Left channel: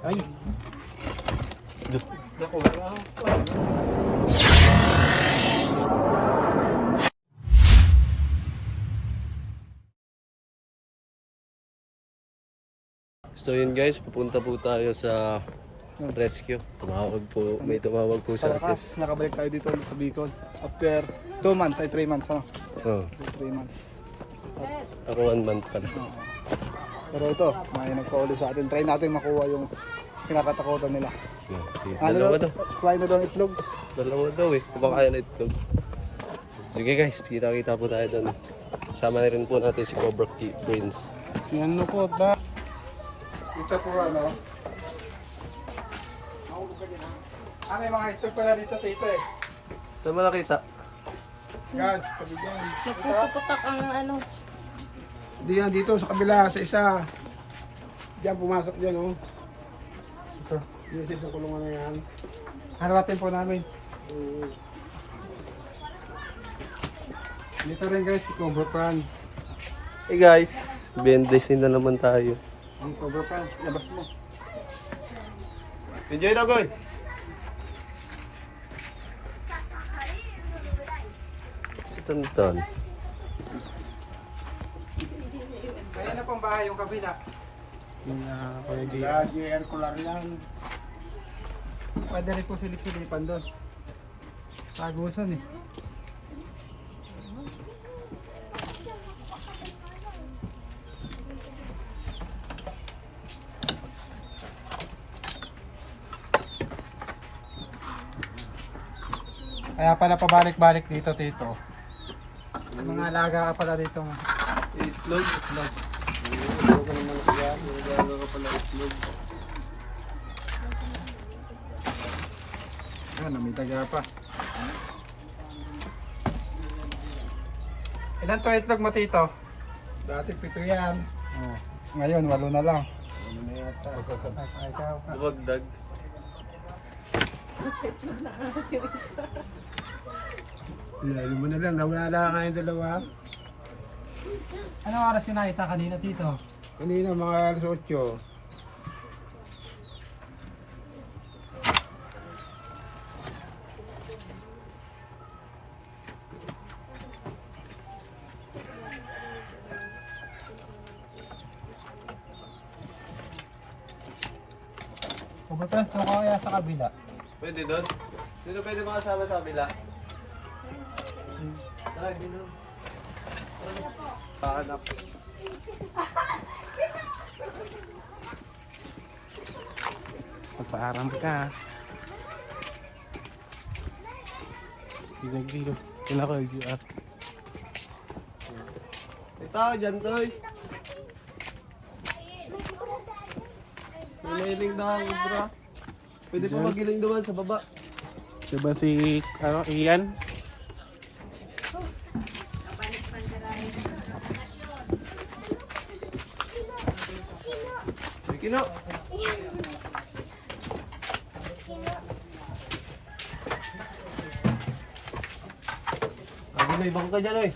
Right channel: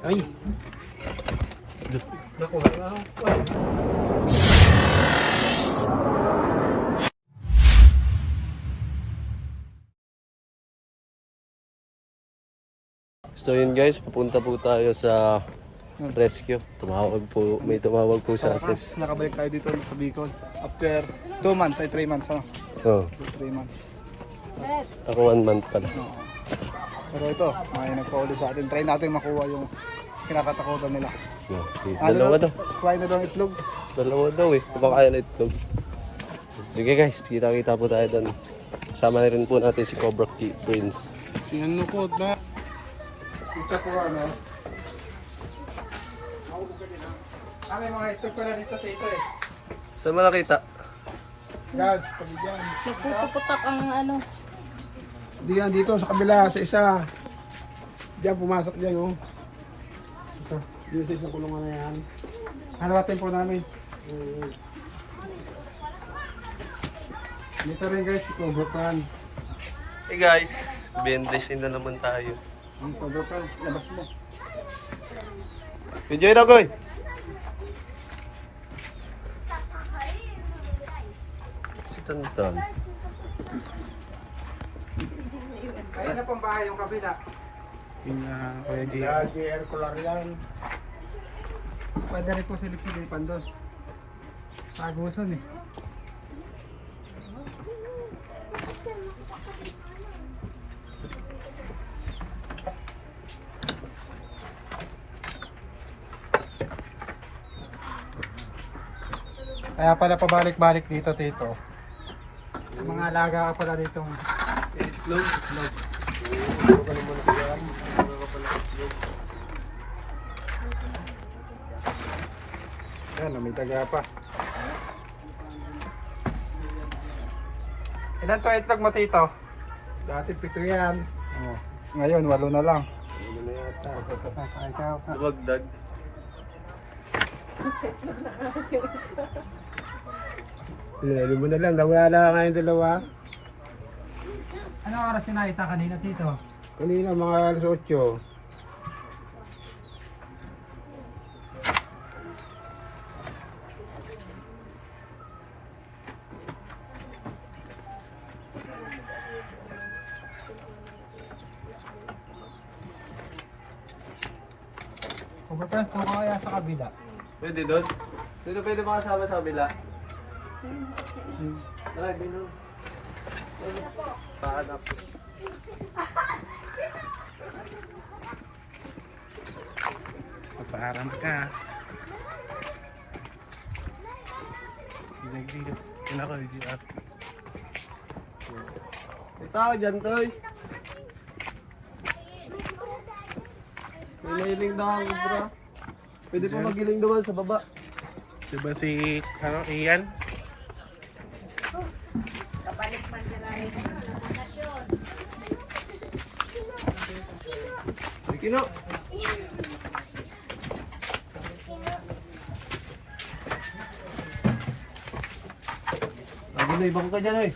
Ay! Naku, So yun guys, papunta po tayo sa rescue. May tumawag po sa atin. Tapos nakabalik tayo dito sa Bicol. After 2 months, ay 3 months, ano? Oh, 3 months. ako 1 month pala. Oo. Pero ito, may nagpa-uli sa atin. Try natin makuha yung kinakatakutan nila. Dalawa daw. Try na daw ang itlog. Dalawa daw eh. Kumakain na itlog. Sige guys, kita-kita po tayo doon. Kasama na rin po natin si Cobra Prince. Si ano po ba? Ito po ano. May mga itlog pa na dito, tito eh. Saan mo nakita? Yan, tabi dyan. Nagpupuputak ang ano. Diyan dito sa kabila, sa isa. Diyan pumasok dyan, oh. Ito. Dito sa isang kulungan na yan. Hanawatin po namin. Dito rin guys, si Cobra Pan. Hey guys, bendesin na naman tayo. Ang Cobra Pan, labas mo. Enjoy na koy! Si Tonton. Kaya na pang bahay yung kabila. Yung Kuya JR. JR ko lang yan. Pwede rin po silip-silipan doon. Sagusan eh. Kaya pala pabalik-balik dito, tito. Mga alaga ka pala ditong itlog. Yan, may taga pa. Ilan to itlog mo, tito? Dati 7 yan. Oh, ngayon, 8 na lang. Wagdag. Lalo mo na lang, nawala na kayong dalawa. Anong oras yung nakita kanina, tito? Kanina mga alas 8. Overpress ko kaya sa kabila. Pwede doon? Sino pwede makasama sa kabila? Tara, dino. Pahanap. Magpaaram ka. Dito. Pinaka JR. May tao dyan, Toy. May nailing daw ang bra. Pwede pa magiling doon sa baba. Diba si Ian? May kino. Lagi may bangka dyan eh.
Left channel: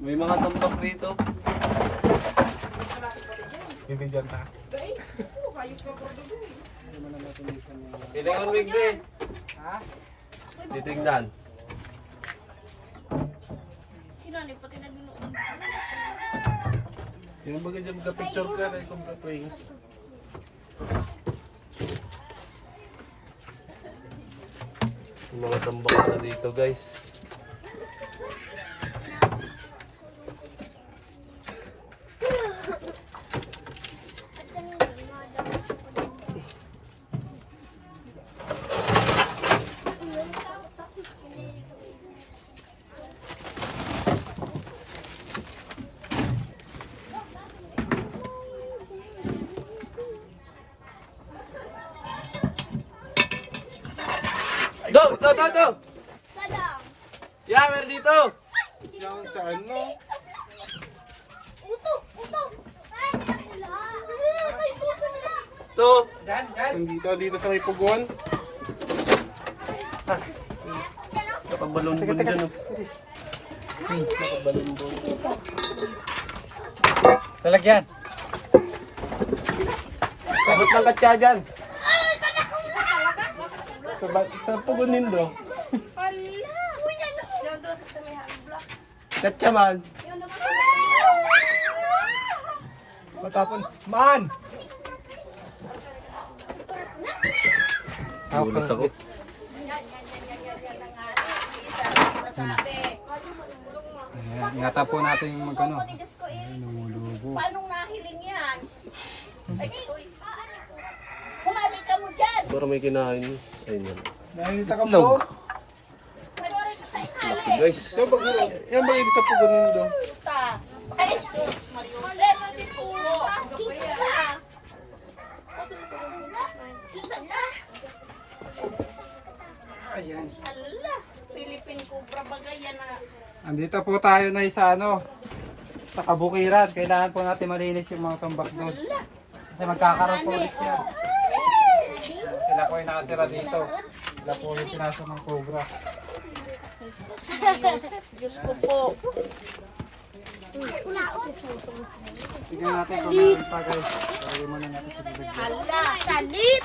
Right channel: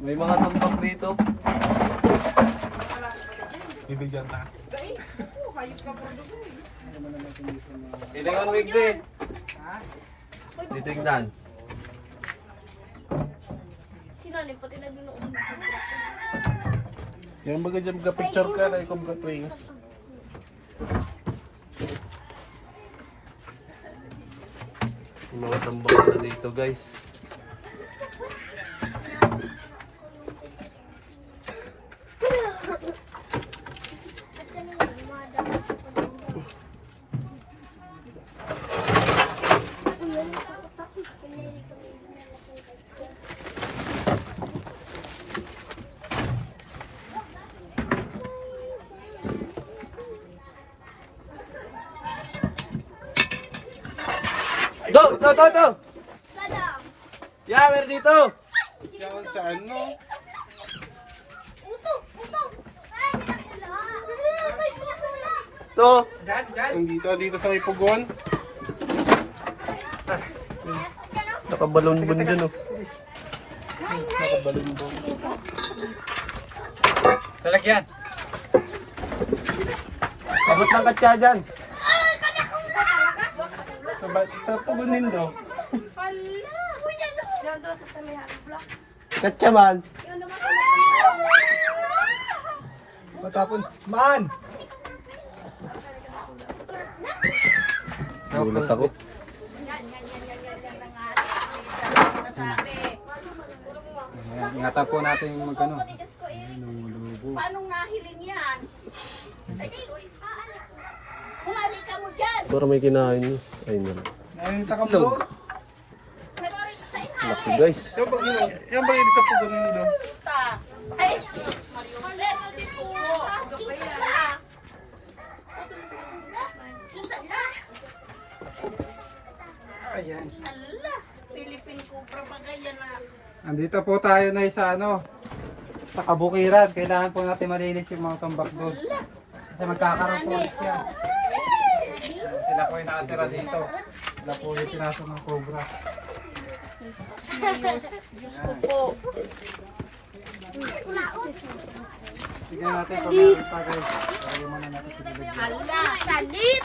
May mga tambak dito. Bibigyan ka. Kailangan wigli. Titingnan. Sinalim pati nagnunood. Yan baga dyan magka-picture ka kay Cobra Prince. Yung mga tambak na dito guys. Go! Yeah, meron dito! Yan sa ano? To! Dito sa may pugon. Nakabalon-balon dyan oh. Nakabalon-balon. Talagyan. Abot ng katsa dyan. Sa pugunin do. Katsa man. Matapon. Man! Gulat ako. Ingatan po natin yung magkano. Paano nahiling yan? Ay, kumali ka mo dyan. Pero may kinain niya. Ayun yan. Nakita ka po. Nag-orin ka sa Laki isali. guys. Yan ba ibig sa pugunin do? Ay, Leno, di po. Kita. Susan na. Ayan. Hala, Philippine Cobra bagay yan na. Andito po tayo na sa sa kabukiran. Kailangan po natin malinis yung mga tambak doon. Kasi magkakaroon po ulit siya. Sila po yung nakatira dito. Sila po yung pinasok ng cobra. Diyos ko po. Tignan natin kung meron pa guys. Lagyan muna natin sa bibig. Hala. Salit.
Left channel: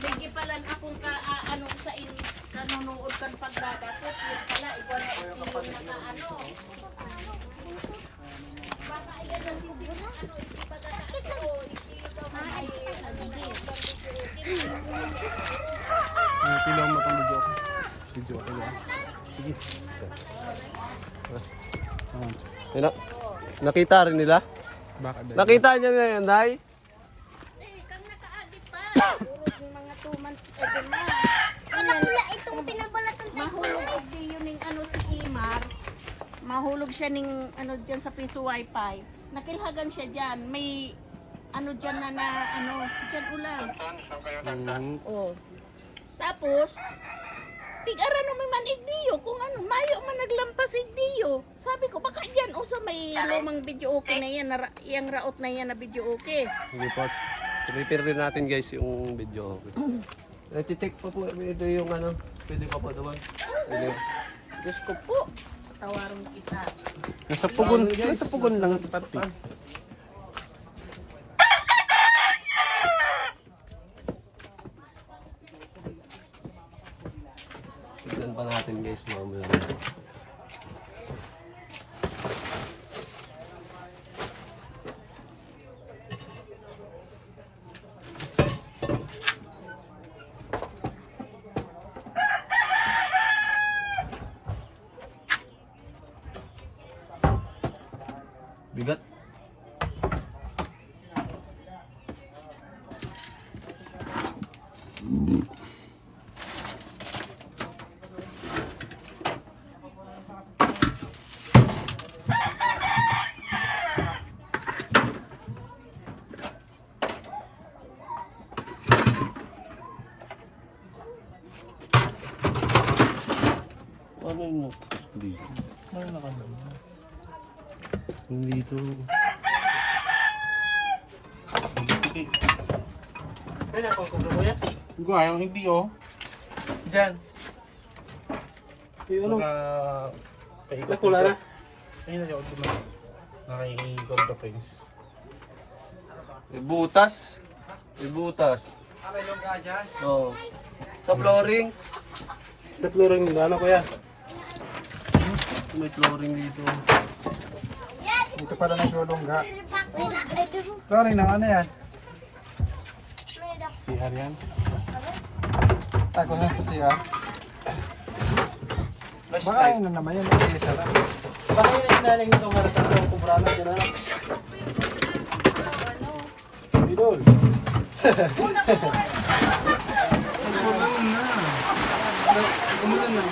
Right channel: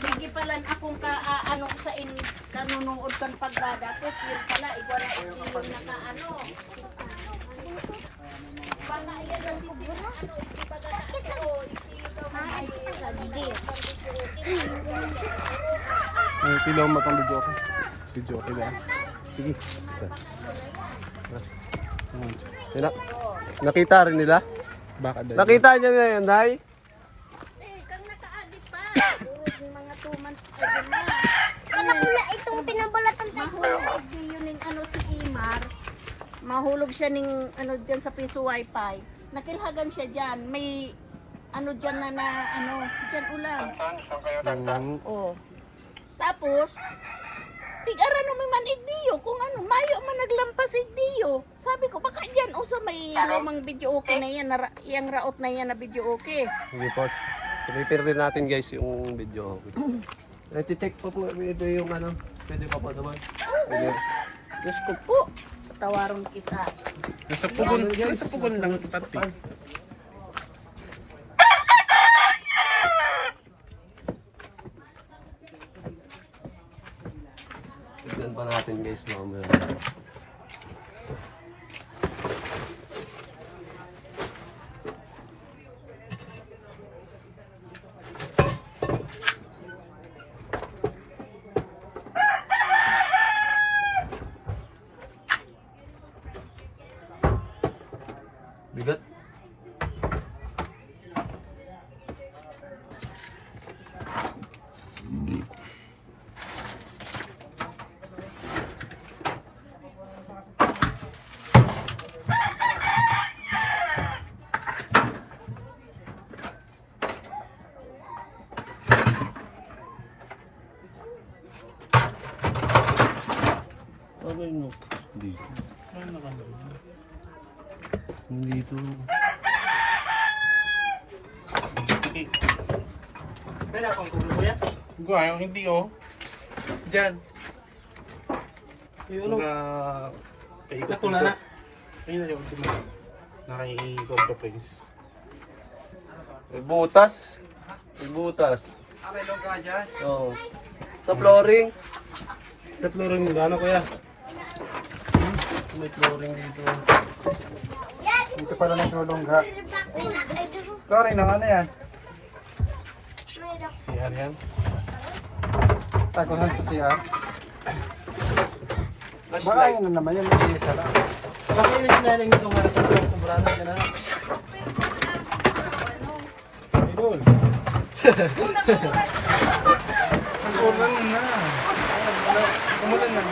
Sige pala akong ano ko sa kanunood kang pagdadapos. Yun pala, ikaw na yung nakaano. May pilaw mo itong video okay. Video okay ba? Sige. Nakita rin nila? Baka Nakita niya ngayon, Day? Kang nakaagit pa. Yung mga 2 months ago na. Itong pinambalatan tayo. Mahulog din yun yung ano si Imar. Mahulog siya ng ano dyan sa piso wifi. Nakilhagan siya dyan. May ano dyan na ano, dyan ulang. Oh. Tapos, tig-ara no may man igdiyo kung ano, mayo man naglampas igdiyo. Sabi ko, baka dyan o sa may lumang video okay na yan, yung raot na yan na video okay. Sige po. Prepare din natin guys yung video okay. Nati-check pa po ito yung ano. Pwede pa po naman. Pwede. Diyos ko po, tawaron kita. Nasa pugon lang ito pati. Tignan pa natin guys mamaya. Bigat. Ano yun? Dito. Dito. Pwede akong kukuya. Gue ayaw hindi oh. Diyan. Yung ano? Paikot Pula na. Ayun na yung ultimo. Naka-i-cobra prince. May butas. May butas. Okay, long ka dyan. Oo. Sa flooring. Sa flooring nila, ano kuya? May flooring dito. Dito pala nagulong ka. Sorry nang ano yan. CR yan. Tago lang sa siya. Baka Flashlight. yun na naman yun. Isa lang. Kasi yun yung naling ito para sa kumbrana ka na. Idol. Umulan na. Umulan na.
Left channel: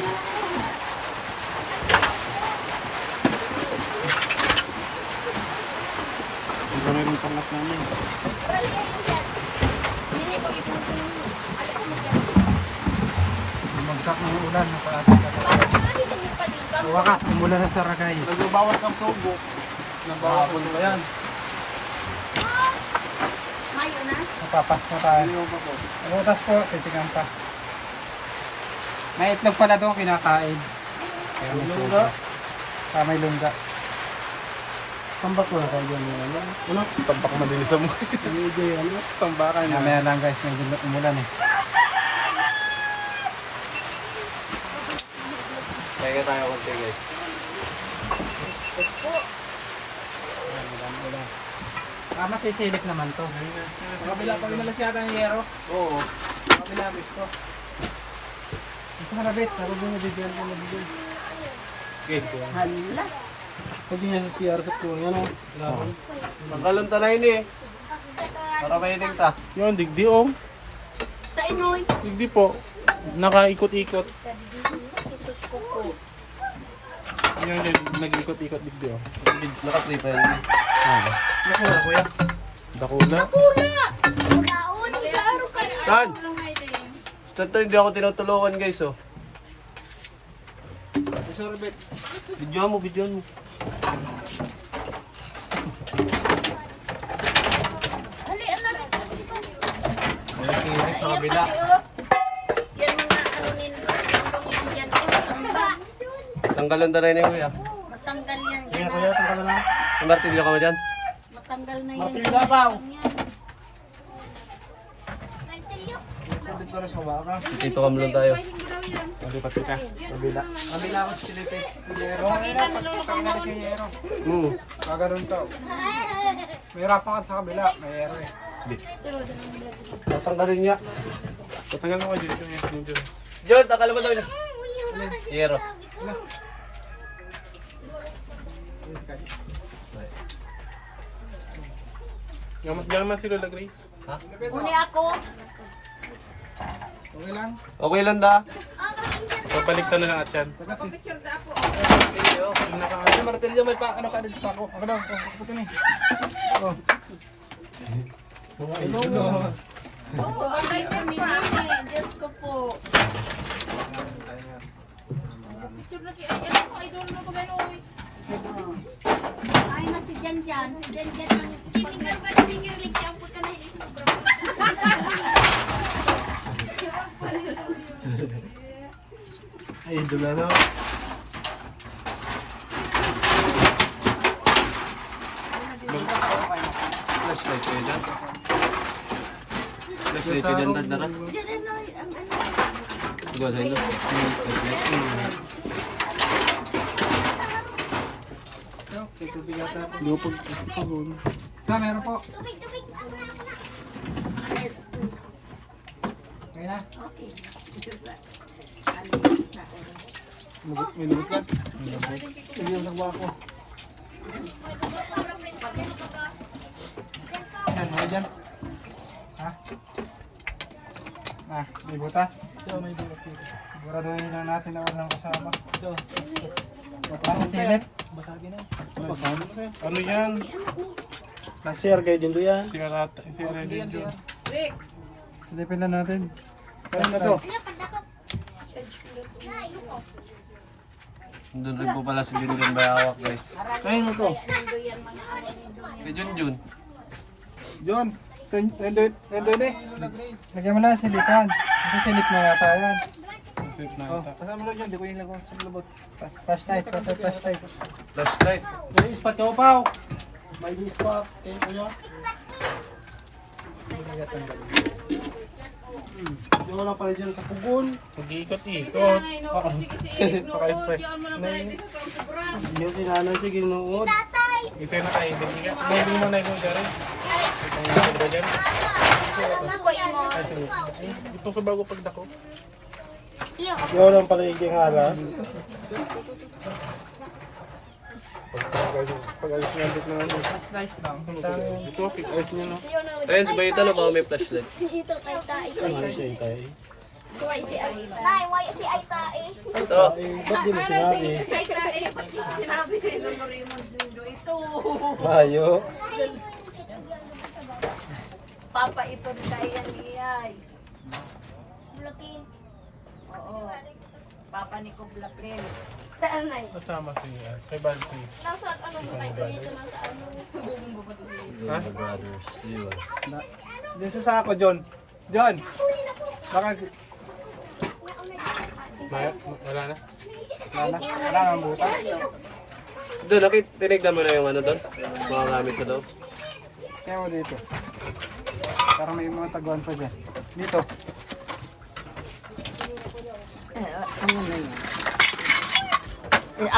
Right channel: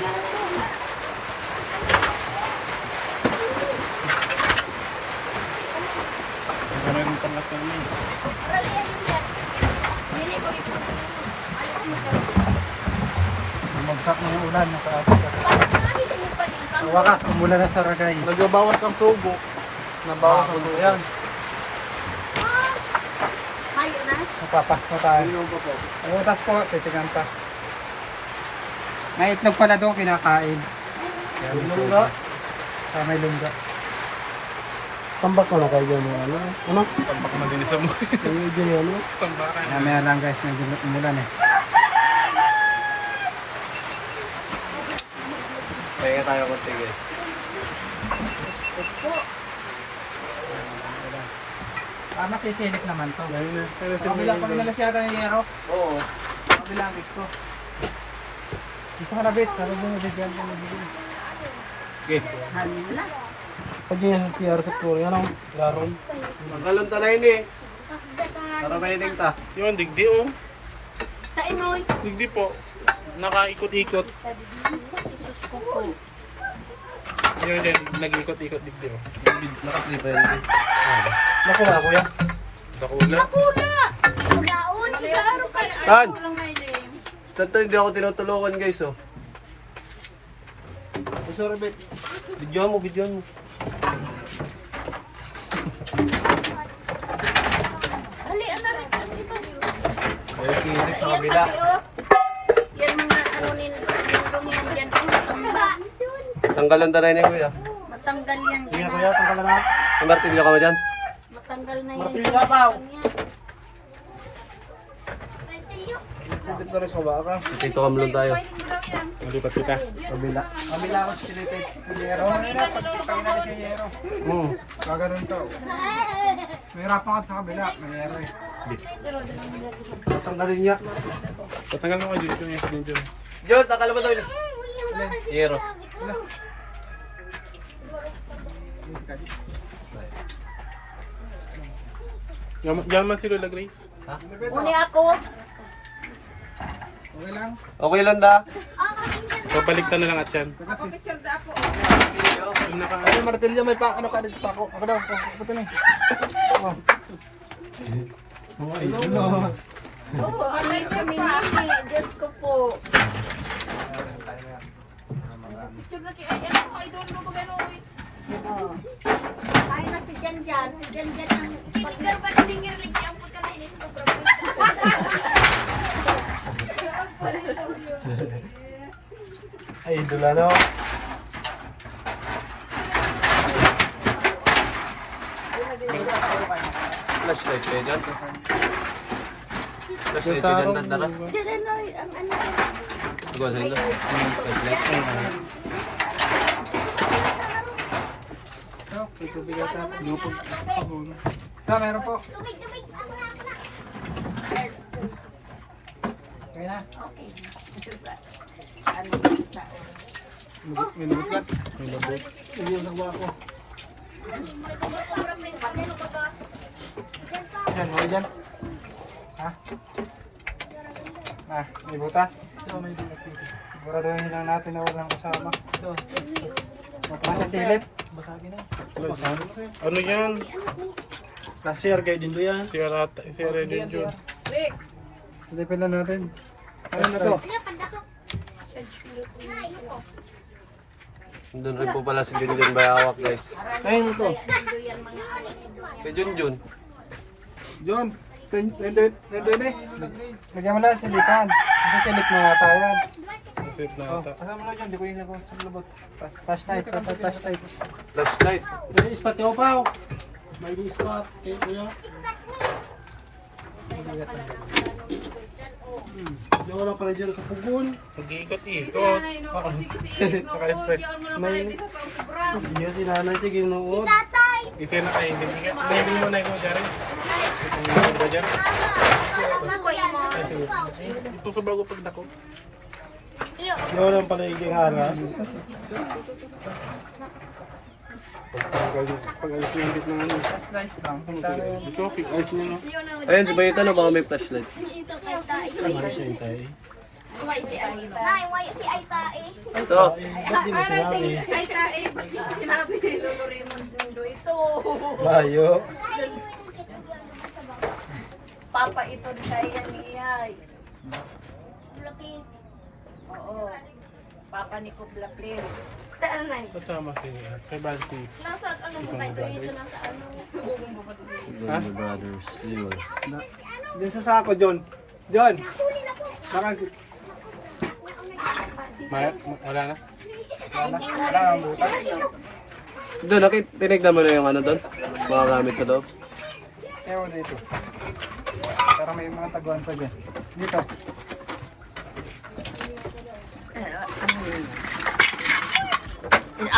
Wala rin tanggap naman. Bumagsak ng ulan. Nakalating ka. Wakas, umulan na sa Ragay. Nagbabawas ang sugo. Nagbabawas ang sugo. Ayan. Mayo na. Ipapas na tayo. Butas po, titignan pa. May itlog pala doon kinakain. Yung lungga. May lungga. Tambak ko na kayo dyan. Ano? Tampak malinis mo. Hindi ano? Tambakan. Mamaya lang guys, medyo umulan eh. Kaya tayo konti guys. Masisilip naman to. Kabila pag nalas yata ng yero. Oo. Kabila gusto. Gusto ko na bit, pero binibigyan ko nabigyan. Okay. Hala. Pag di nasa CR sa Korea, ano? Gano'n. Magkalunta na yun eh. Para mahiling ta. Yun, digdi om. Sa inoy. Digdi po. Nakaikot-ikot. Isus ko po. Yun, nag-ikot-ikot digdi om. Nakaslipper yun eh. Nakura kuya. Dakula. Pula! Laon, igaro kayo. Tan! Ito hindi ako tinutulungan guys oh. Sorry, babe. Videoan mo, videoan mo. Ali, anak. Silip sa kabila. Yan na, ano nila. Yan. Tanggalan ta na yun eh kuya. Matanggal yan. Hindi na kuya, tanggal na. May martilyo ka mo dyan? Matanggal na yan. Martilyo pa. Sakit na rin sa baka. Dito kamulong tayo. Lipat kita. Kabila. Kabila ako silipin. Yero. Tanggal si yero. Kaganon ka. Mahirapan ka sa kabila. May yero eh. Tanggalin niya. Tatanggal mo ka dito yung yes dito. Jod, akala mo daw yun. Hero. Diyan man si Lola Grace. Muli ako. Okay lang. Okay lang da. Papaliktan na lang at yan. Yung naka-ano. Martilyo may pa. Ano ka dito pa ako? Ako daw. Puti na eh. Oh. Kamay po, minili. Diyos ko po. Ay, na si Jan Jan. Si Jan Jan ang... Kinigan pa na ninyo. Ligyan po ka na ilis mo. Ay, di ba no? Flashlight kayo dyan. Flashlight Sa kayo araw. dyan, tandara. Diyan na, ang ano. Doon sa inyo. Flashlight. Hindi ko pag-pagod. Meron po. Okay na. May lubot ka? Hindi yung nagwa ko. Yan, mga dyan. Ibutas. Siguraduhin lang natin na walang kasama. Ito. Masisilip. Ano yan? Nasir kayo din doon yan. Si Redin Jun. Silipin na natin. Ano na to? Doon rin po pala si Junjun Bayawak guys. Ayun mo to. Si Junjun. John. Nendoy eh. Lagyan mo lang yung silipan. Kasi silip na yata yan. Safe na ata. Kasama mo dyan, di ko yung lagos sa labot. Flashlight. Flashlight. Flashlight. May ispat ka pa. May ispat. Kayo kuya. Hindi ko lang pala dyan sa pugon. Pag-iikot-ikot. Paka-spray. Yan si nanay, sige noon. Isa na kayo. Hindi mo na yung magari. Ito yung ba dyan? Ito sa bago pagdako. Hindi ko lang pala yung haras. Pag-alis niya dito ng ano. Flashlight lang. Ito, pag-alis niya no. Ayun, si Bayito na baka may flashlight. Ano siya tayo? Why si Ay, why si Ay tae? Ito. Ba't di mo sinabi? Ay tae. Sinabi ni Lolo Raymond Dundo ito. Bayo. Papa ito na kaya niyay. Oo. Papa ni Kublapin. Tanay. At sama si kay Bansi. Nasa ano mo kayo dito nasa ano? Junjun Brothers. Yun. Din sa sako, John. John! Bakit? Maya, wala na. Wala nang butas. Doon, tinignan mo na yung ano doon? Mga gamit sa loob. Ewan dito. Para may mga taguan pa dyan. Dito.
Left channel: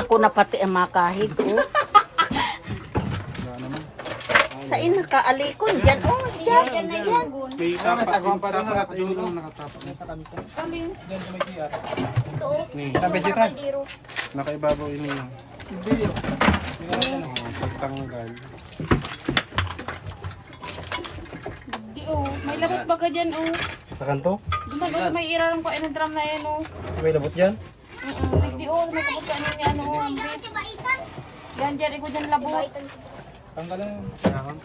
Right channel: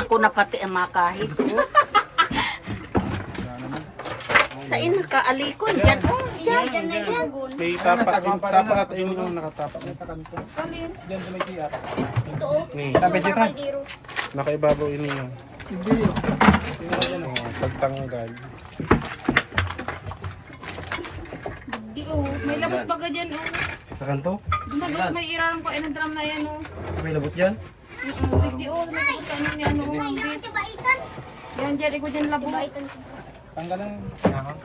Ako na pati ang makahit. Wala naman. Sa inakaalikon. Yan o. Yan na yan. May tapat yung nakatapak. Sa kanto. Diyan sa may CR. Ni, Sa vegetan. nakaibabaw ini yung Hindi. Tingnan dyan o. pagtanggal. Di oh, may labot pa ka dyan oh. Sa kanto? Labot, may irarang pa inong drum na yan oh. May labot yan? Di oh, may labot pa inong yan oh. Yan, Jerry ko dyan labot. Tanggalan. Kailangan.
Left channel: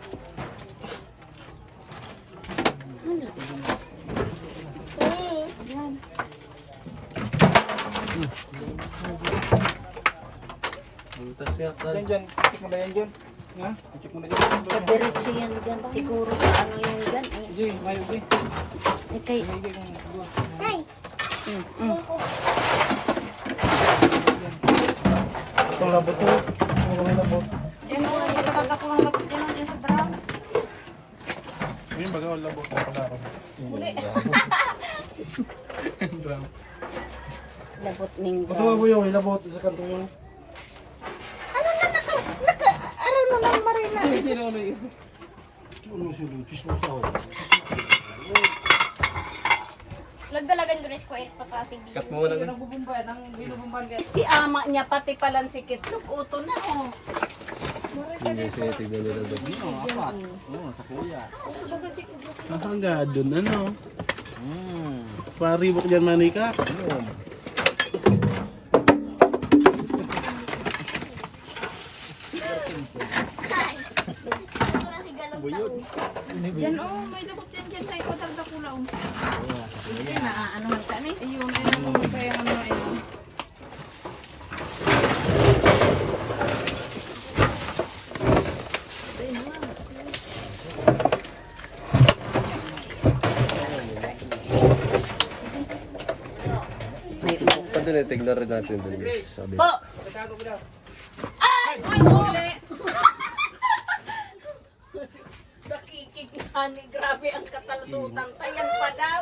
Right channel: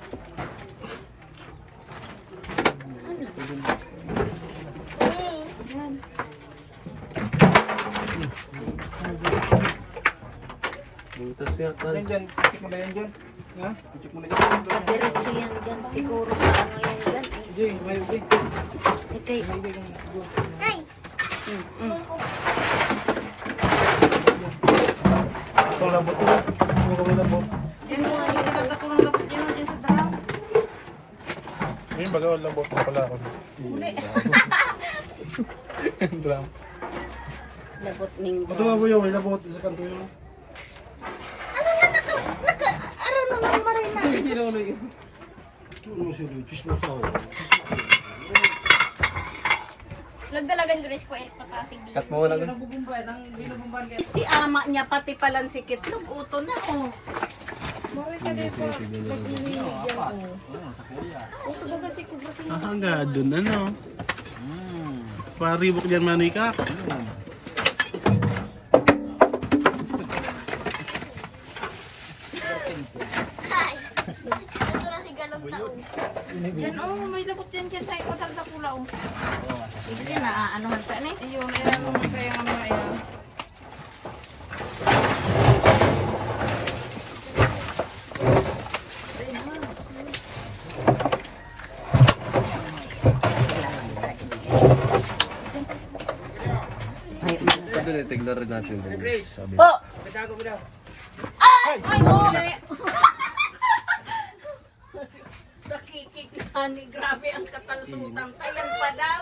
Butas siya, tal. Yan dyan. Check mo ba yan dyan? Ha? Check mo na dyan. Diretso yan dyan. Siguro. Ngayon yan. Jay, may ubi. Okay. Itong labot to. Itong labot. Yan oh, nagkakagat ko ng labot yan dyan sa drum. Yung baga, labot na pala ako. Drum. Labot ning. Ito nga po yung may labot sa kanto mo. Ano naman marina? Ito mo sulit. Chismosa ako. Lagdalagan ko rin ko eh, pakasig dito. Cut mo na ganun. Binubumban, ang binubumban ka. Si ama niya pati palang si Kitlog. Uto na oh. Hindi siya tignan nila doon. Hangga doon ano. Paribok dyan manoy ka. Yan oh, may labot yan dyan sa ikot ang kapula oh. Yan na ano ka ni? Ayun, yan oh, kaya nga mga yan. Pag doon, tignan rin natin doon. Sabi. Oh! Ay! Ay! Oh! Nakikit na ni. Grabe ang katalsutan. Ayan pa daw.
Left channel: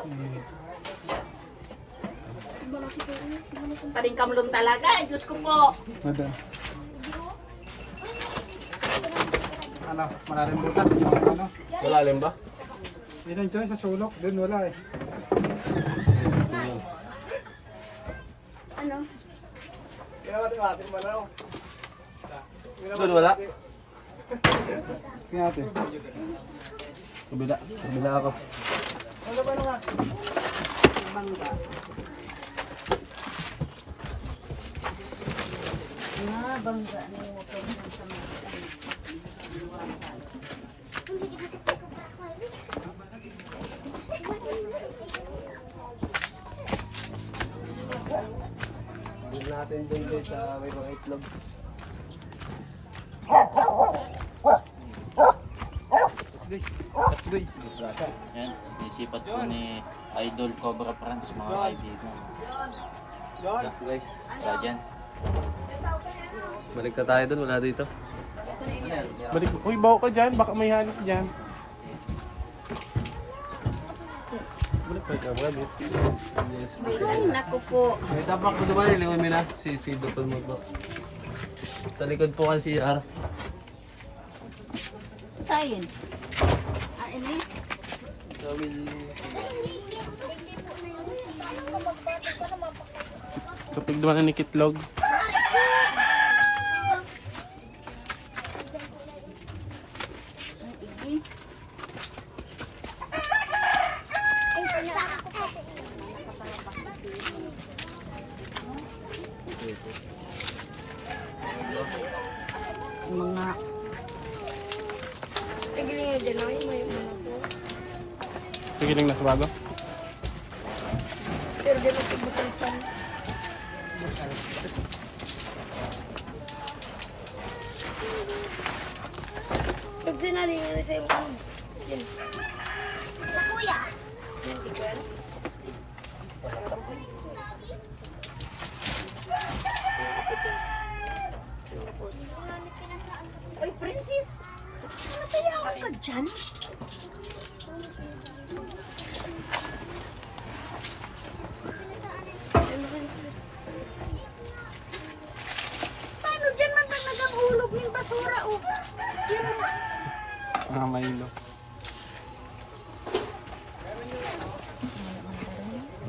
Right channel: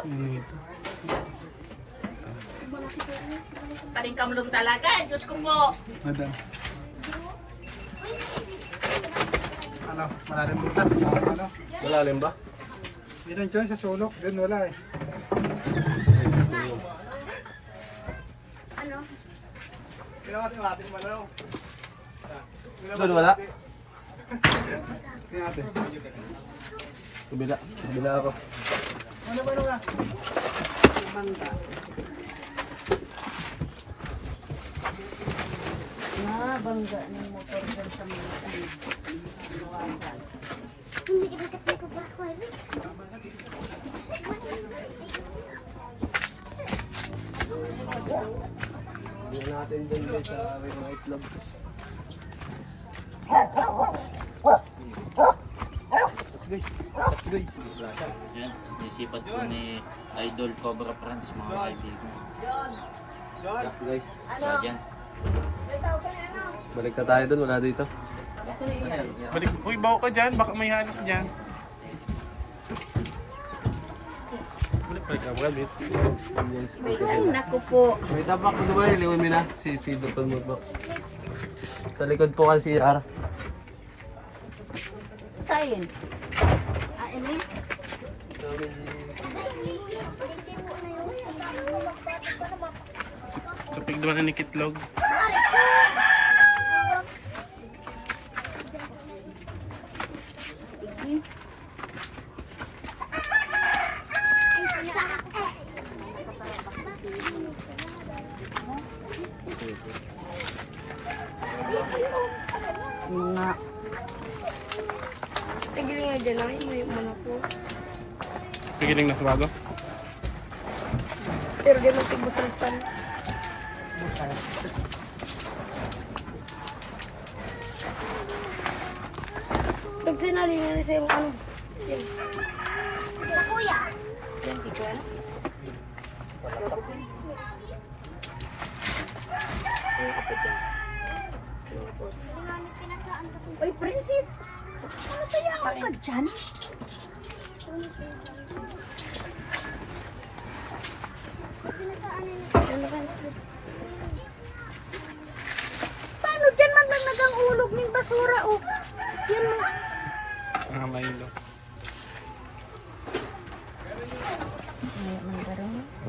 Karing kamlong talaga. Diyos ko po. Madam. Ano? Malalim butas. Ano? Malalim ba? Meron dyan sa sulok. Doon wala eh. Ano? Doon wala? Kaya natin. Kabila. Kabila ako. Bangga. Ah, bangga na yung motor sa mga Doon natin doon guys sa may mga itlog. Yan, sinisipat po ni Idol Cobra Franz, mga kaibigan. Cut guys. Kaya dyan. Balik na tayo doon. Wala dito. Balik. Uy, bawa ka dyan. Baka may halis dyan. Balik pa ka, rabbit. Ay, naku po. May tapak ko doon. Liwan mo na. Si Dutton mo to. Sa likod po kasi CR. Sayin. Ah, ini? Supig naman na ni Kitlog. Mga Pigiling na sa bago. Pag sinali na sa ano. Princess. Ano kaya ako ka dyan? Paano dyan man may magang umulog ng basura, oh? Yan ang... Maylo.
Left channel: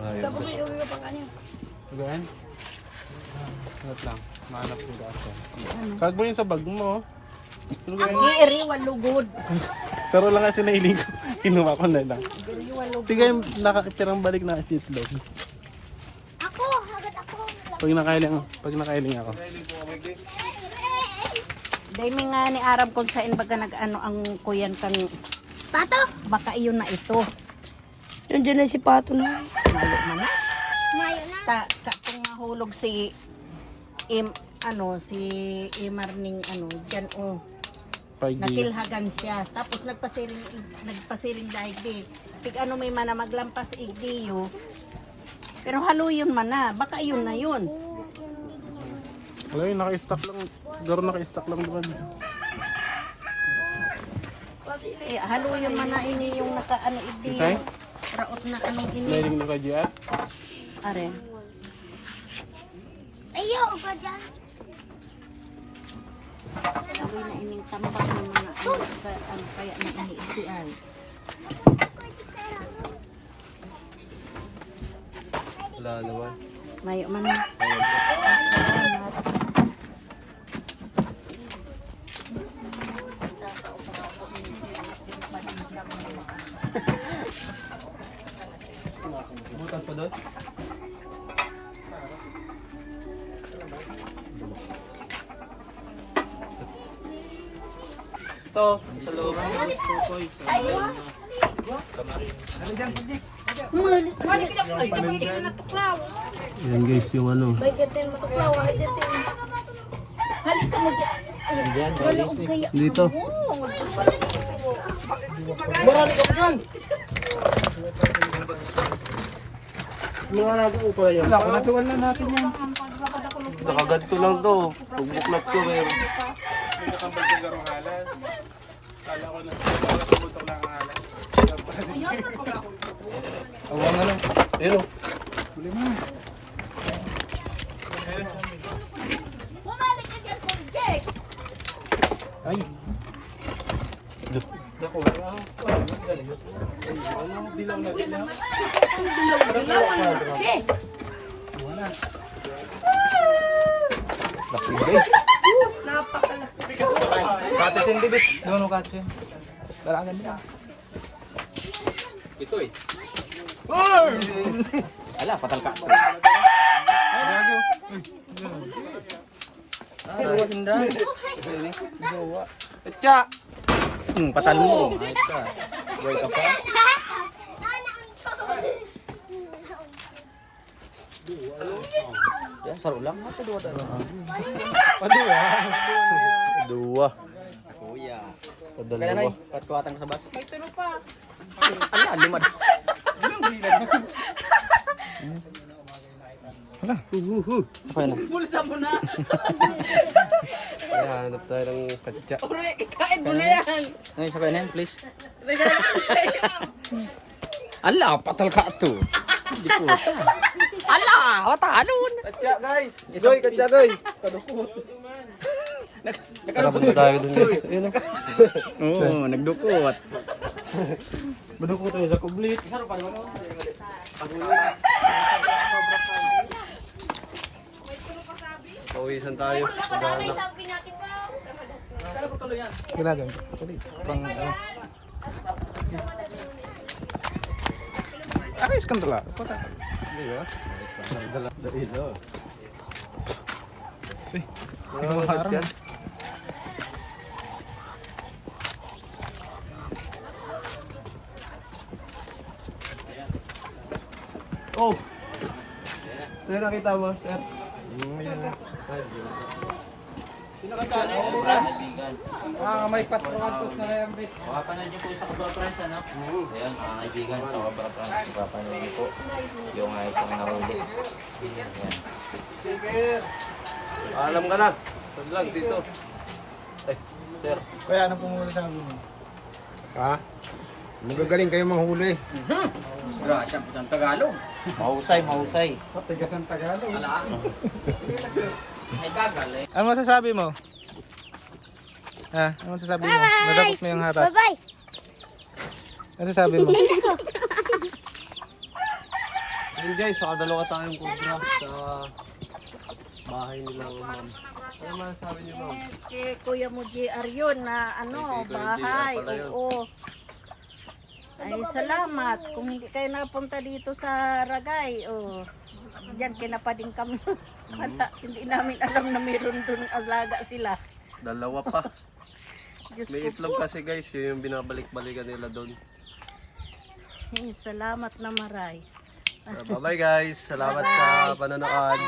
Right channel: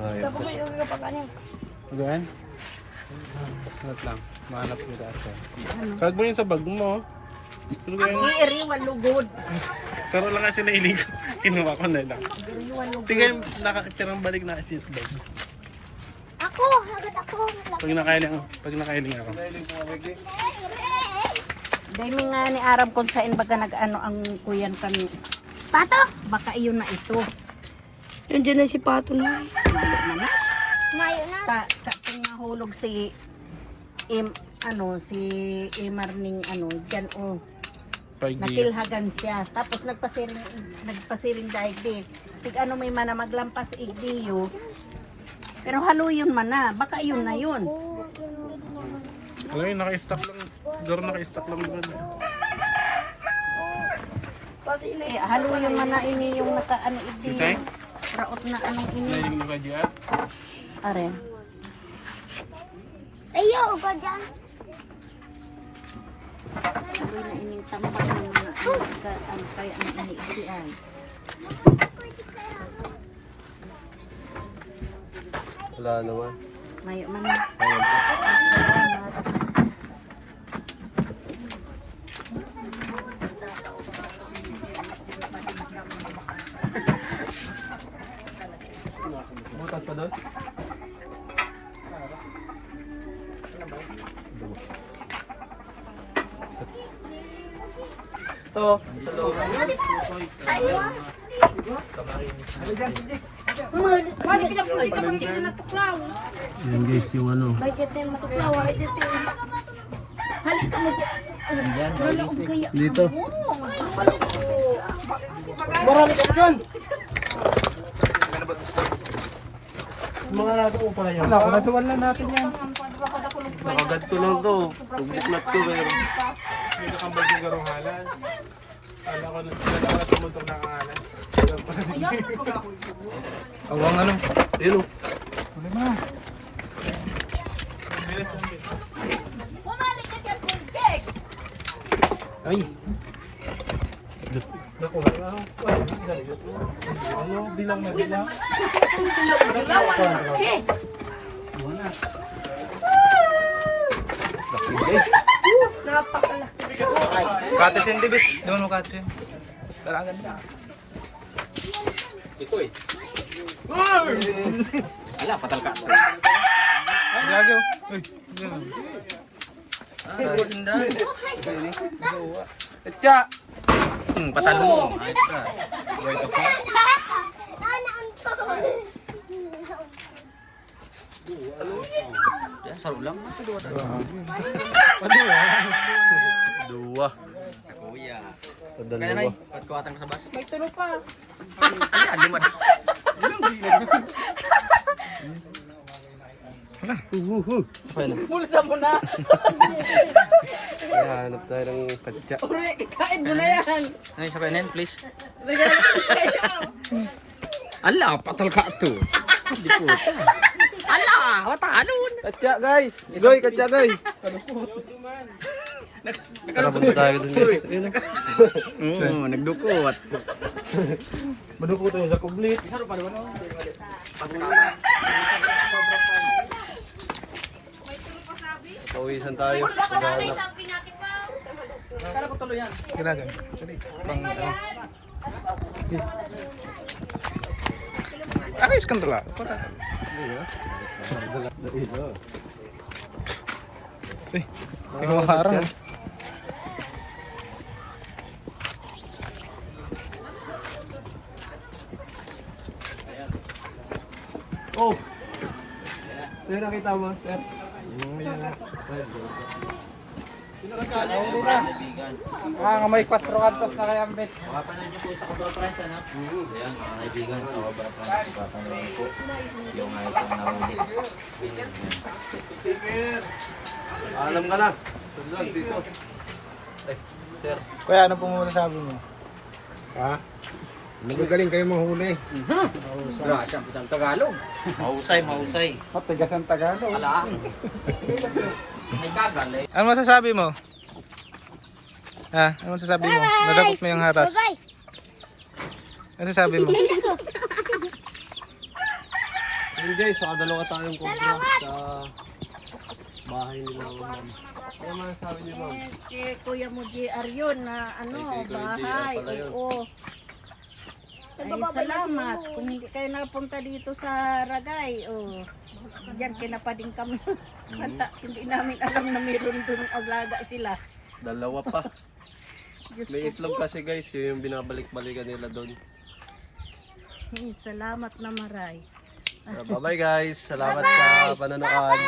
Ayos. Gaan? Hanap lang. Mahanap ko dati. Kag mo yun sa bag mo. Iriwan lugod. Saro lang kasi nailing ko. Kinuha ko na lang. Sige, nakatirang balik na si itlog. Ako, agad ako. Pag nakailing ako. Dahil may nga ni Arab kung saan baga nag-ano ang kuyan kami. Pato? Baka iyon na ito. Nandiyan na si Pato na. Mayo na na. Katong nahulog si si Imar ning dyan nakilhagan siya. Tapos nagpasiring dahil di. Tig may mana maglampas igdiyo. Pero halo yun man na. Baka yun na yun. Wala yun, naka-stock lang. Garo naka-stock lang naman. Halo yun man na ini yung igdiyo. Isay? Raot na anong ini. Nailing mo ka dyan? Are. Ayo, ba dyan? Sabi na ining tambak ng mga kaya ang iniigdian. Wala naman. Mayo man na. Butas pa doon? Ito, sa loob. Yan guys, yung ano. Dito. Marami ka dyan! Mga nago pala yun. Naduwal na natin yan. Nakaganto lang to. Pagbuklat ko pero. Nakambag yung garong halan. Alam ko na. Wala sa punto na ang halan. Awang ano? Yun o. Bumalik ka dyan, Pugek! Ay! Naku, ano? Dilang na dilang. Katis yung dibit. Di mo katis yun. Dalagan na. Ito eh. Ala, patal ka. Gagaw. Etcha! Pasal mo. Ayos ka. Buhay ka pa. Yan, saro lang. Dua. Kuya. Dalawa. Patkuwatan ko sa bus. May tulo pa. Ano, lima. Bulsa mo na. Kaya hanap tayo ng katsa. Uri, kain mo na yan. Ay, sabay na yan, please. Regalo ko sa'yo. Ala, patal ka ito. Hindi po. Ala, watanun. Katsa guys! Joy, katsa doy! Tara, punta tayo dun guys. Ayun o. Oo, nagdukot. Madukot tayo sa kublit. Pawisan tayo. Paghahanap. Ganagan. Dali. Pang, ano. Aris kan tala. Kota. Kinuharang. Oh! Ano nakita mo, sir? Kaibigan. May 4 kantos na kayang bet. Makapanood niyo po sa Cobra Prince, ano? Ayan, mga kaibigan sa Cobra Prince. Makapanood niyo po yung isang nahuli. Ayan. Alam ka na. Tapos lang dito. sir. Kuya, ano po muna sabi mo? Ha? Magagaling kayo manghuli. Mahusay, mahusay. Tigas ang Tagalog. Ano masasabi mo? Ha? Ano masasabi mo? Nadakot mo yung haras. Ano masasabi mo? Ayun guys, nakadalawa tayong cobra sa bahay nila ma'am. Ano masasabi niyo ma'am? Kay Kuya mo JR yun na ano, Kay Kuya bahay. JR pala yun. Oo. Ay, salamat. Kung hindi kayo napunta dito sa Ragay, diyan kinapading kami. Bata, hindi namin alam na mayroon dun alaga sila. Dalawa pa. Diyos May ko itlog kasi guys, yun yung binabalik-balikan nila doon. Salamat na maray. Bye bye guys, salamat sa panonood.